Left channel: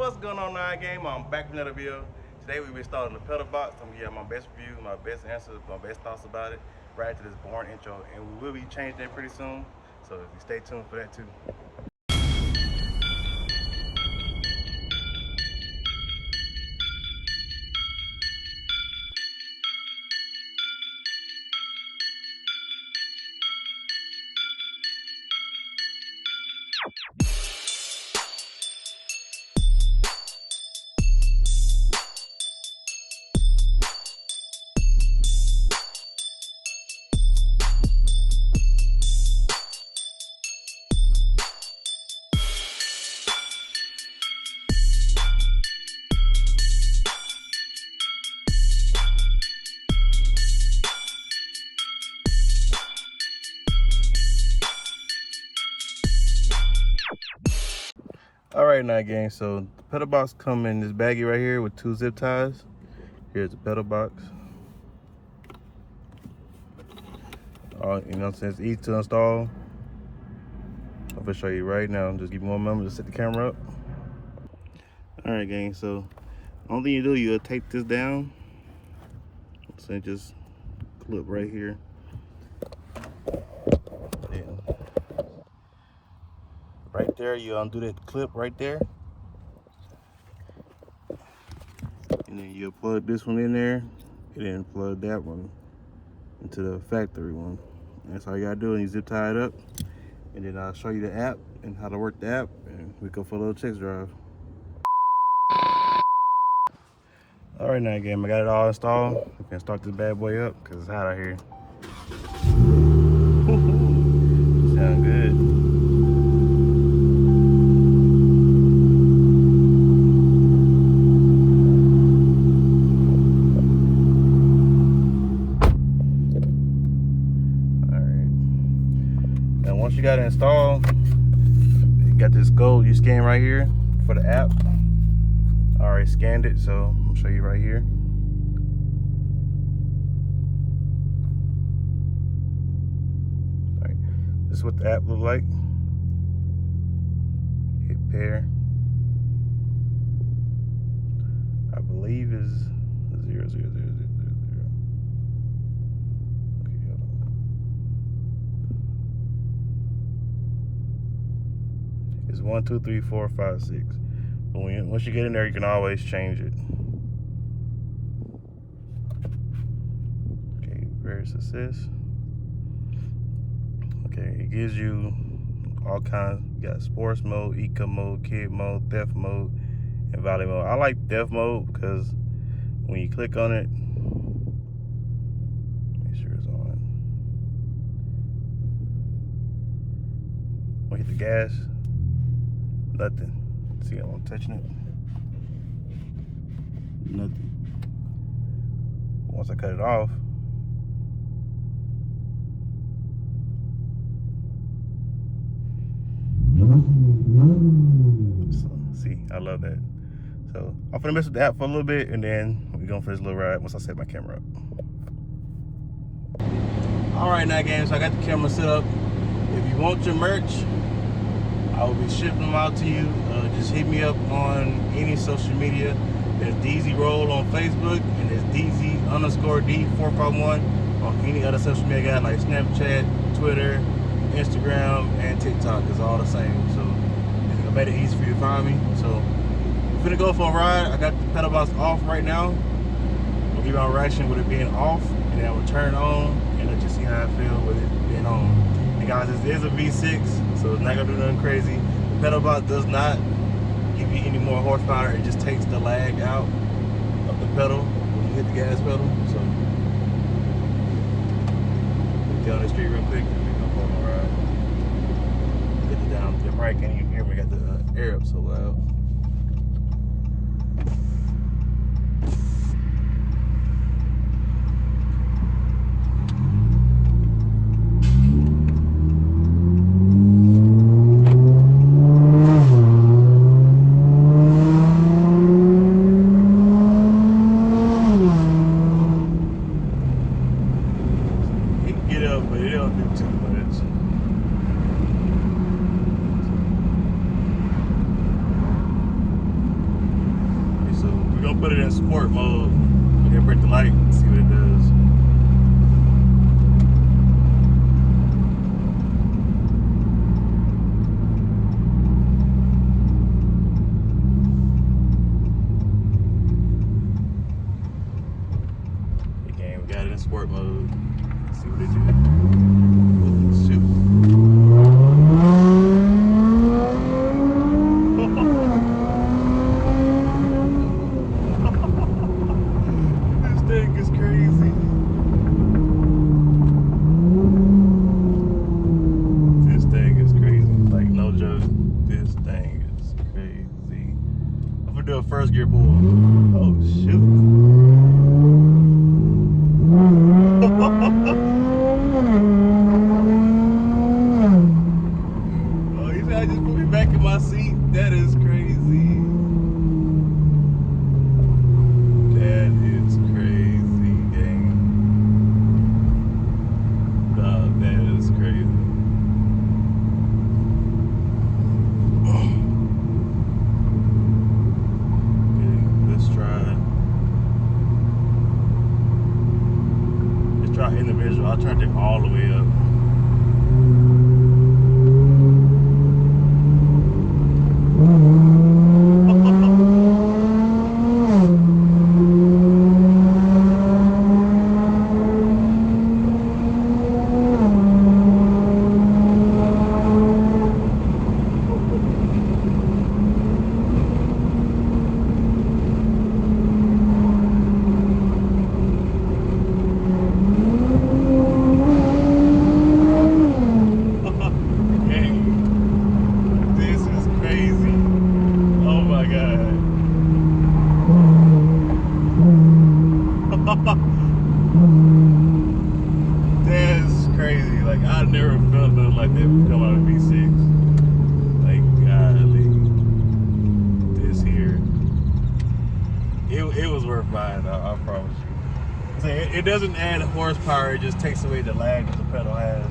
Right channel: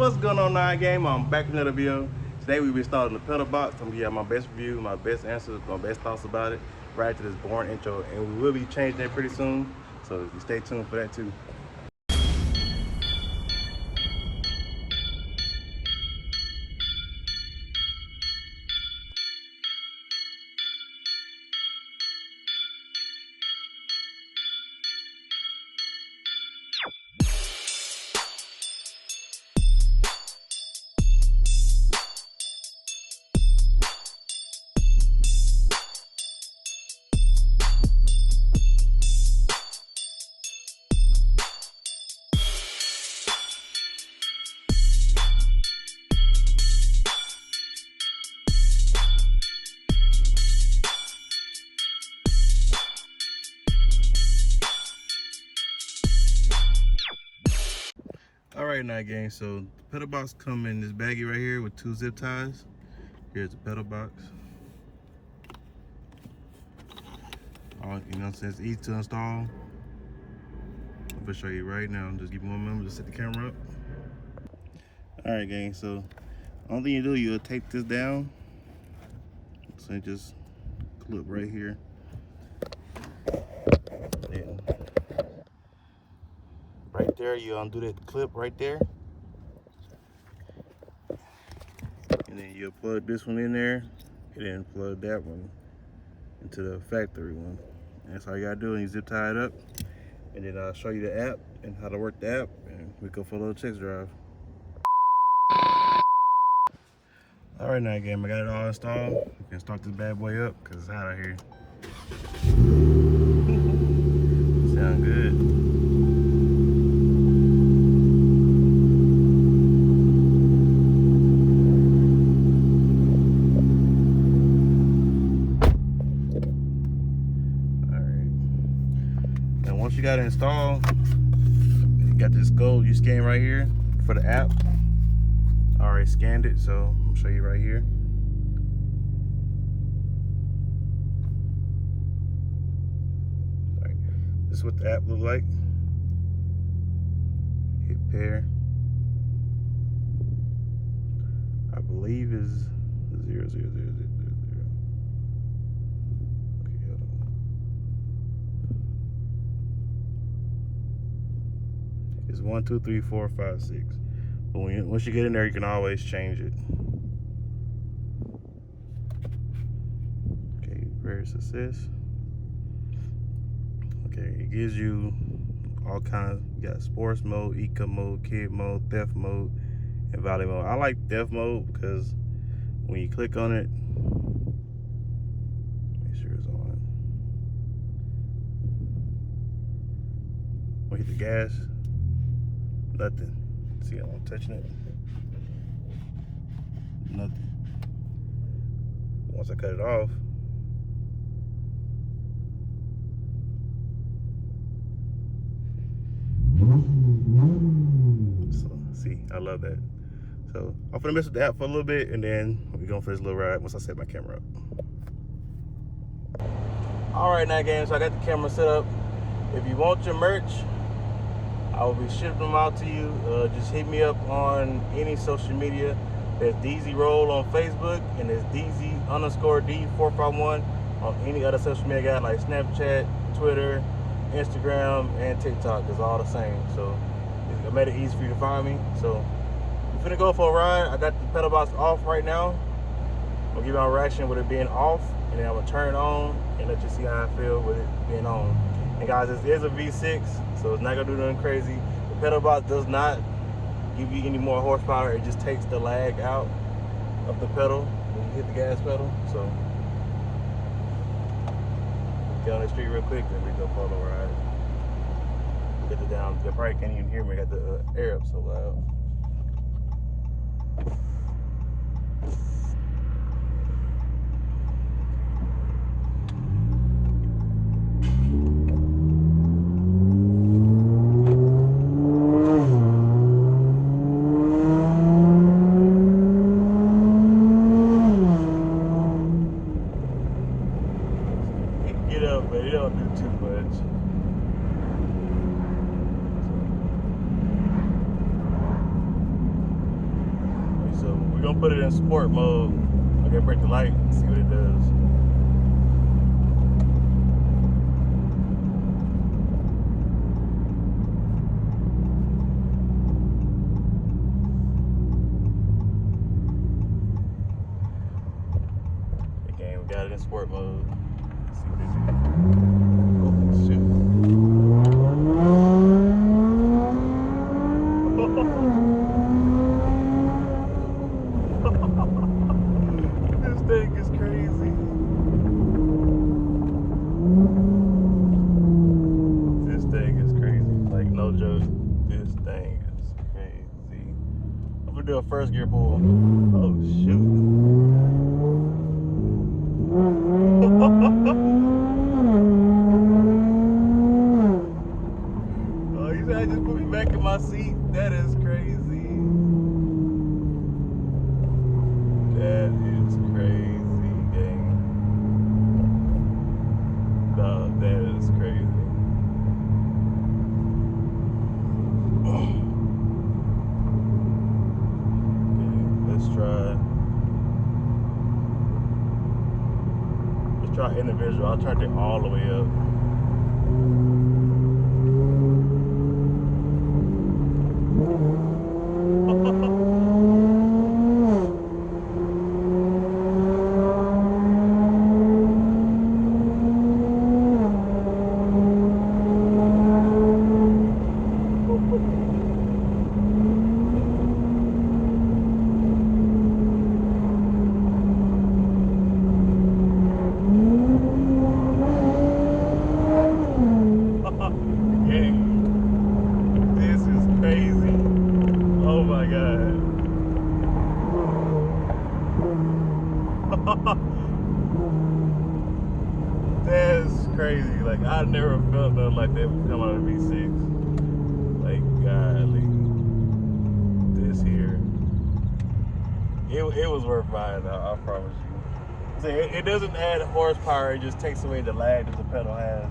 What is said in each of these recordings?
What's going on, Nine Game? I'm back with another video. Today we'll be installing the pedal box. I'm gonna give you my best review, my best answers, my best thoughts about it right after this boring intro, and we will be changing it pretty soon, so you stay tuned for that too. Alright, Night Gang, so the pedal box come in this baggie right here with 2 zip ties. Here's the pedal box. You know what I'm saying? It's easy to install. I'm gonna show you right now. Just give me one moment to set the camera up. Alright, gang, so only thing you do, you'll tape this down. So just clip right here. And right there, you undo that clip right there. And then you'll plug this one in there, and then plug that one into the factory one. And that's all you gotta do, and you zip tie it up. And then I'll show you the app and how to work the app, and we go for a little test drive. Alright, Night Game, I got it all installed. We can start this bad boy up because it's hot out here. Sound good. Once you got it installed, you got this code you scan right here for the app. I already scanned it, so I'll show you right here. All right, this is what the app look like. Hit pair. I believe is 00000. It's 1, 2, 3, 4, 5, 6. But once you get in there, you can always change it. Okay, very success. Okay, it gives you all kinds. You got sports mode, eco mode, kid mode, theft mode, and valley mode. I like theft mode because when you click on it, make sure it's on. When you hit the gas, nothing. See, I'm touching it. Nothing. Once I cut it off, so see, I love that. So I'm gonna mess with the app for a little bit, and then we're going for this little ride once I set my camera up. All right, Night Game. So I got the camera set up. If you want your merch, I will be shipping them out to you. Just hit me up on any social media. There's DZ Roll on Facebook, and there's DZ_D451 on any other social media guy like Snapchat, Twitter, Instagram, and TikTok. It's all the same. So I made it easy for you to find me. So we're finna go for a ride. I got the pedal box off right now. I'm gonna give you my reaction with it being off, and then I'm gonna turn it on and let you see how I feel with it being on. And guys, this is a V6, so it's not gonna do nothing crazy. Pedalbox does not give you any more horsepower. It just takes the lag out of the pedal when you hit the gas pedal. So get on the street real quick, then we go for a little ride. Get it down. You probably can't even hear me. I got the air up so loud. But it don't do too much. gonna put it in sport mode. Okay, break the light and see what it does. Okay, we got it in sport mode. Let's see what it do. Oh shoot. This thing is crazy. This thing is crazy. Like, no joke. This thing is crazy. I'm gonna do a first gear pull. Oh shoot. Oh, you said I just put me back in my seat? That is crazy. That is crazy, dang. Dog, that is crazy. Okay, let's try individual. I'll turn it all the way up. This is crazy. Oh my god. That's crazy. Like, I never felt nothing like that come out of V6. Like, golly. This here. It was worth buying, I promise you. It doesn't add horsepower, it just takes away the lag that the pedal has.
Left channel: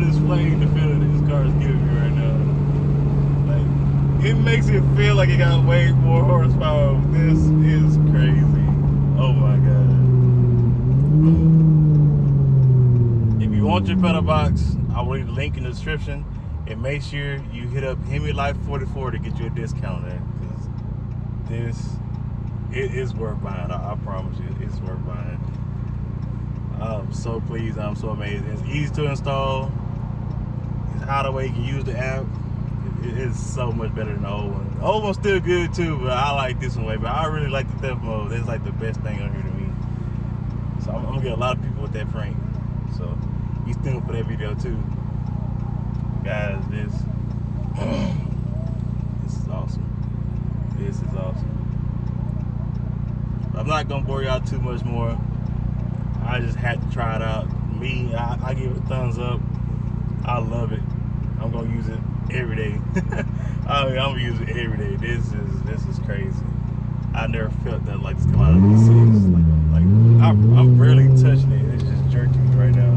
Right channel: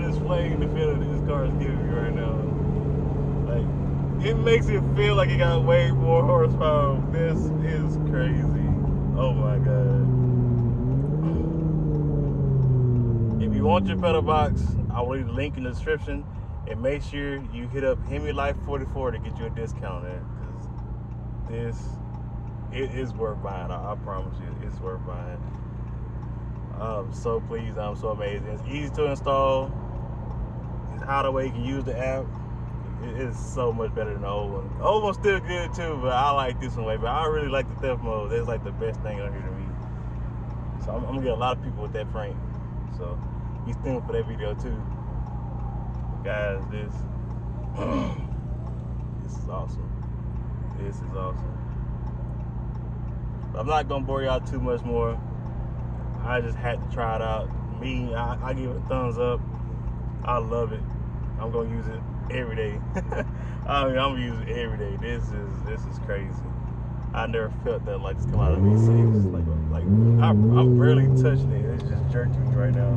Explain the feeling this car is giving me right now. Like, it makes it feel like it got way more horsepower. This is crazy. Oh my god. If you want your pedal box, I will leave the link in the description, and make sure you hit up Hemi Life 44 to get you a discount at, because it is worth buying. I promise you, it's worth buying. I'm so pleased. I'm so amazing. It's easy to install. How the way you can use the app, it is so much better than the old one. The old one's still good too, but I like this one way. But I really like the theft mode. That's like the best thing on here to me. So I'm gonna get a lot of people with that prank. So be tuned for that video too, guys. This is awesome. This is awesome. But I'm not gonna bore y'all too much more. I just had to try it out. Me, I give it a thumbs up. I love it. I'm gonna use it every day. I'm gonna use it every day. This is crazy. I never felt that like this come out of V6. Like I'm barely touching it. It's just jerking me right now.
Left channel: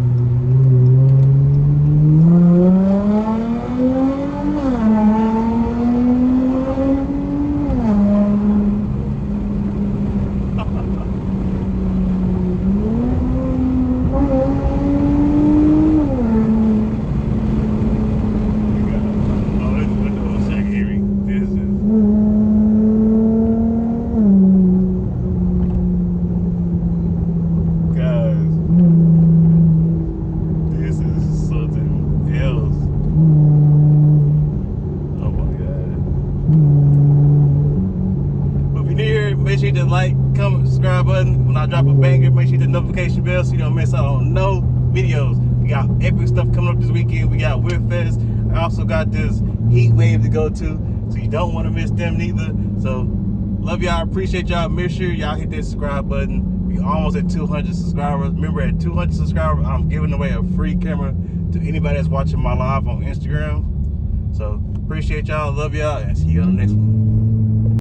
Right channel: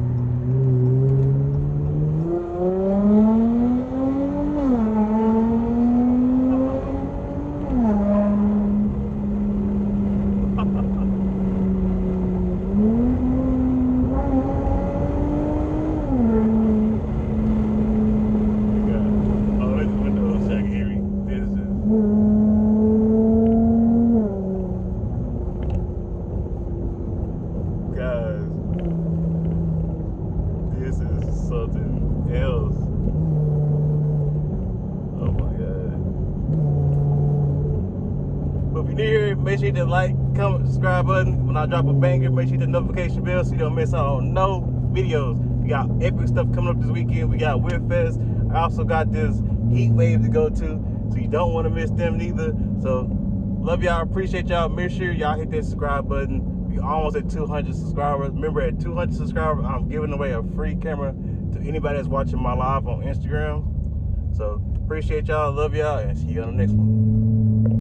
hit that like, comment, subscribe button. When I drop a banger, make sure you hit the notification bell so you don't miss out on no videos. We got epic stuff coming up this weekend. We got Whip Fest. I also got this heat wave to go to, so you don't want to miss them neither. So love y'all, appreciate y'all. Make sure y'all hit that subscribe button. We almost at 200 subscribers. Remember, at 200 subscribers, I'm giving away a free camera to anybody that's watching my live on Instagram. So appreciate y'all, love y'all, and see you on the next one.